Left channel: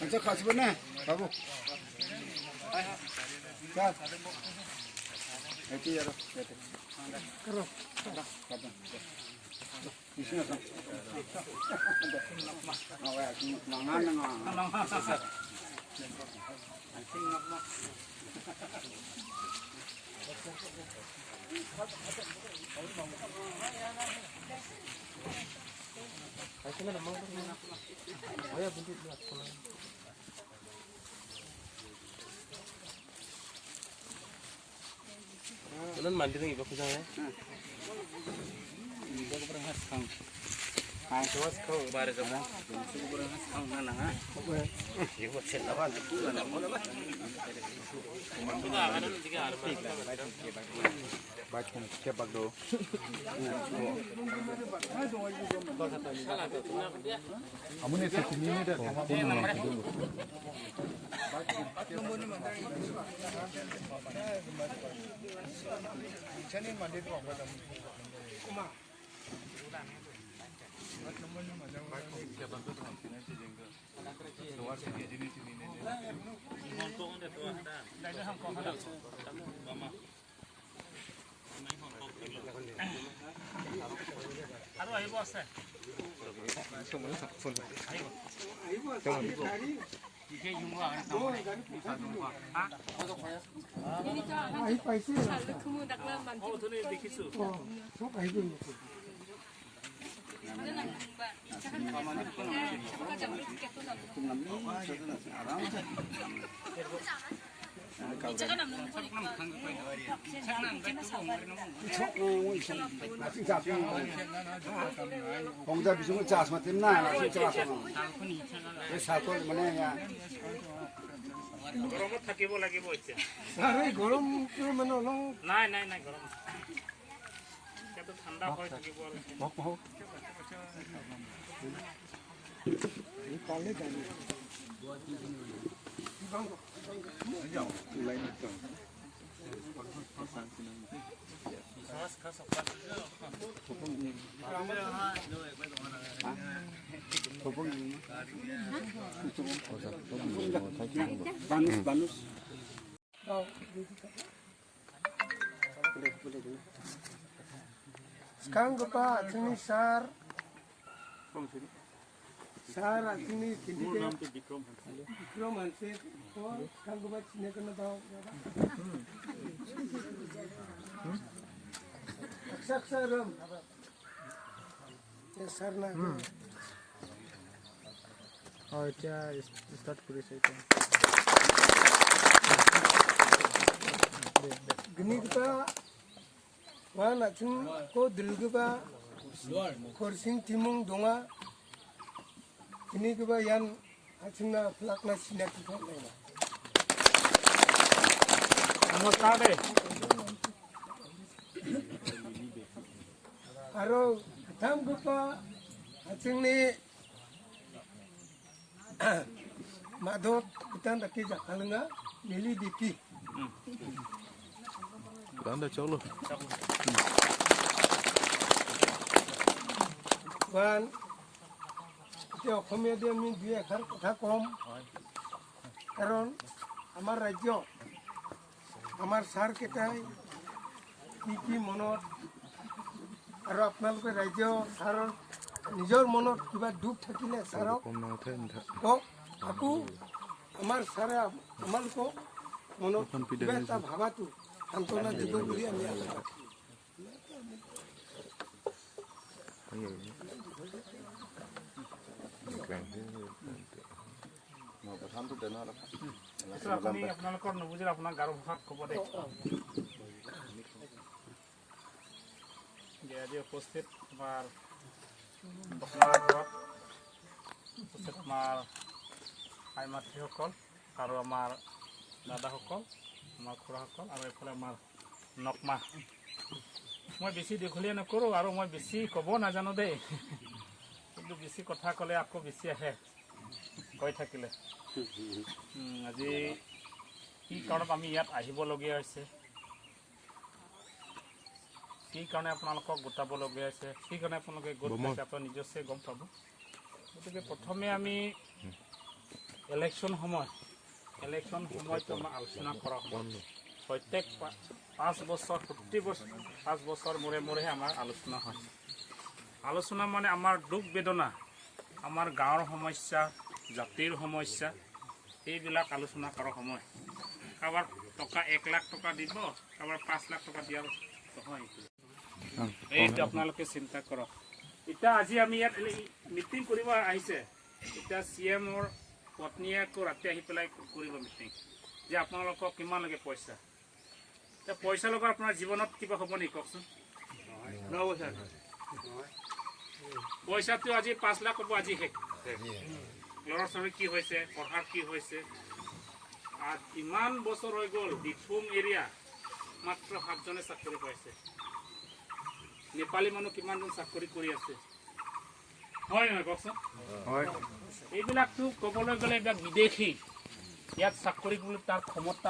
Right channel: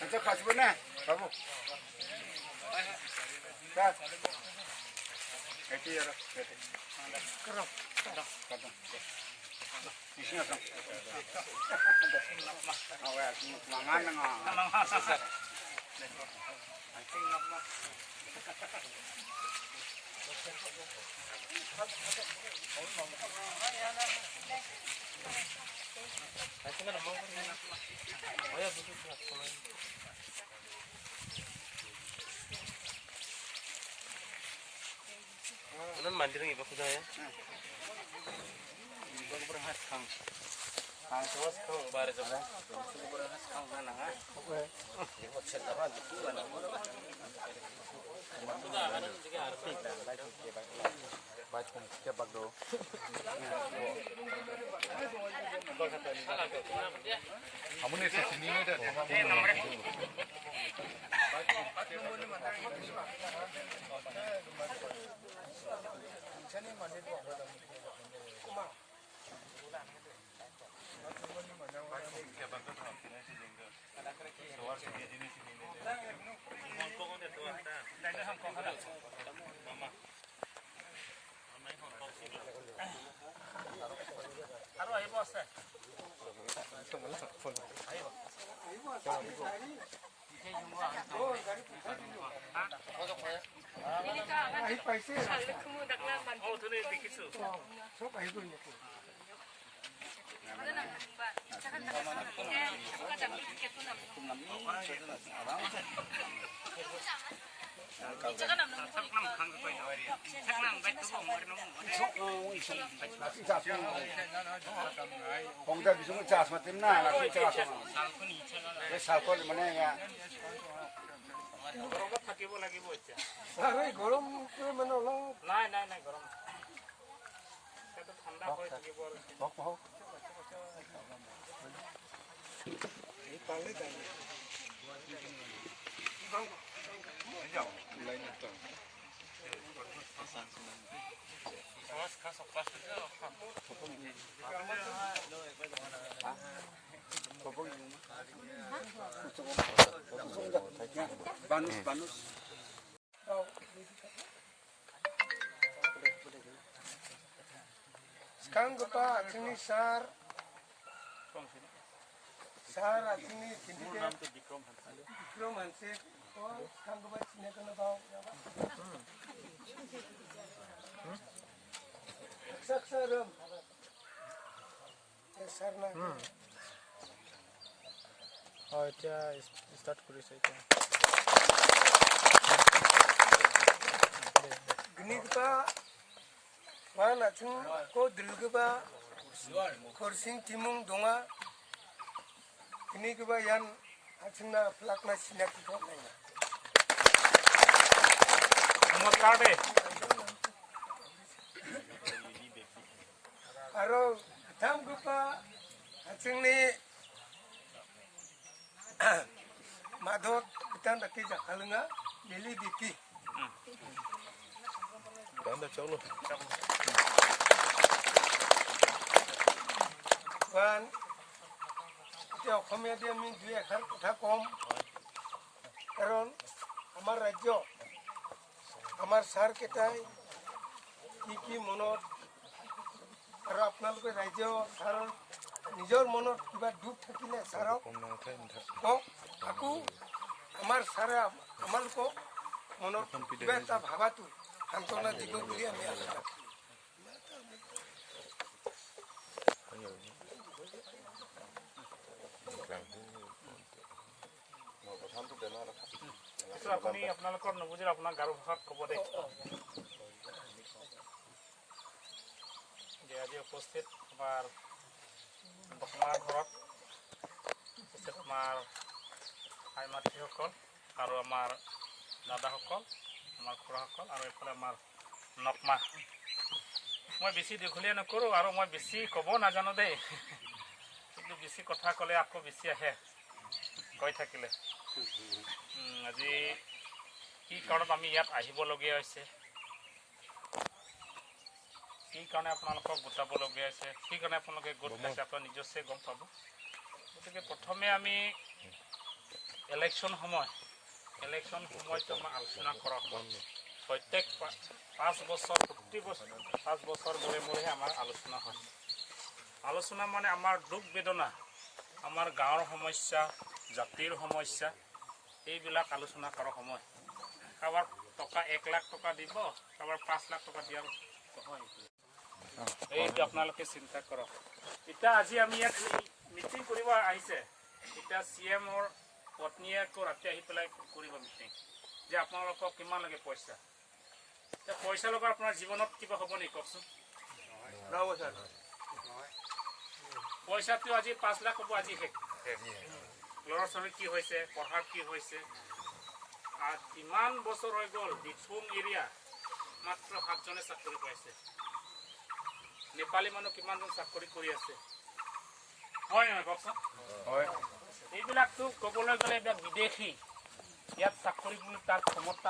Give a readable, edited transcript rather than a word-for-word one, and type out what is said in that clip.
अच्छा खास बना बाबू क्या ऐसे यार करो करो इसमें तो awak mangan nggak Ini mandiri ibu kita ya. ibu berhas kang. Terus kau baru jalan. Mana ha? Ibu cerita apa tu? Baik pun cepat do. Kamu ni sini ni dah. Aduh, ayo bos. 공자 비중을 짜서 맞나 나 진짜 왜 사고 뭐냐 গরম থাকিব লাগিব এতিয়া আরে গরম করে মানে হলো নাই নাই নাই গরম এটা ঠান্ডা হৈ থাকিব আৰু বক বক এই পালে জানি খাস খাস অপা banus banus sekarang apa sini sar sar sini sini dikrom hanse to sekarang apa sini kena tahu saksaram sarna oh এটা স্টার্ট করেছে এটা gini kita mana cing ko dilgeba korsing timung donga gini kita yan acingna plakna sinaki ko laina নমস্কাৰ দে aro tham kita acingni madot kita daki jakalunga mili dipi Anda cholo. Ban এতিয়া অসমীয়া দিয়ে আমি দুই এষাৰ কথা কম কাৰণ আমাৰ ৰাজ্য আমাৰ ছাৰ কেইটাই কি মনত আৰু আপোনালোকে ৰাজ্য ছাৰৰ নিজৰ মনত কিবা দুখ থাকিলে ছাৰক কওক আকৌ আমাৰ ছাৰে আমালোকক মনত কিবা এটা ভাবাটো সান্তনা দিব বুলি আমি আশা ৰাখোঁ আপুনি আপোনালোকৰ নুবুজিলে আপোনাৰ গাৰো ভাষাত ক'ব দে যে আজি উপস্থিত আমাৰ বসুন্ধৰা ঘৰত উপস্থিত আমাৰ আই মাতৃসকল আৰু আমাৰ দাদাসকল আমাৰ খুৰাসকল আৰু এইফালে আমাৰ নকমা মই বেছি দীঘলীয়া নকৰোঁ আৰু মই বেছি ক'ব নাজানো দেই কিন্তু বেছি কথা ক'লে আকৌ বেছি আহে কৈ থাকিলে আজি কি কাৰণত আমি ইয়াত আহিবলগীয়া হৈছে কি কাৰণে আপোনালোকক গোটাবলগীয়া আছে, কি কাৰণে আপোনালোকে গোট খাইছে, আপোনাৰ নিজস্ব গম পাব। গতিকে প্ৰথমে আমি ইলেকশ্যন সময়টো আমাৰ আলোচনা কৰা হয়। প্ৰত্যেক 5 বছৰ প্ৰতি বছৰ 5 বছৰ মূৰে আমাৰ আলোচনা হয়। আলোচনা মানে আমাৰ দুখ বেদনা, আমাৰ গাঁৱৰ সমস্যা, জাতিৰ সমস্যা, এইবিলাক আলোচনা কৰা সময়। কাৰোবাৰ টকা 1 লাখ টকা দিব, কাৰোবাৰ 5 লাখ টকা দিয়াৰ নহয়। এইটো আপোনালোকে চিন্তা কৰক। এতিয়া আজি আমি ইয়াত মিটিং কৰিব আহিছে, এতিয়া CMৰ পত্নীয়ে আকৌ ৰাতি আহি পেলাই কৰিব মিটিং যে আপোনালোকক কিমান লাগে পইচা। পইচা লগত আপোনাৰ জীৱনত কিবা হ'ব নেকি কওকচোন? পইচাটো আজি 5 লাখ হ'ব, আজি শেষ। ল'ৰা ছোৱালী কি হৈছে, পঢ়াৰ কি হৈছে, ইমান বছৰ হৈ গ'ল দিখুম এৰিয়া মাত্ৰ 7 জনে চাকৰি পাইছে। নেপালী মানুহ কিমানজন চাকৰি কৰি আছে, হয় নহয় কওকচোন? এইবিলাকতো ক'বলৈ গ'লে এইবিলাক বিদেশী, ইয়াত চাকৰি বুলি তাৰ ক্ষমতা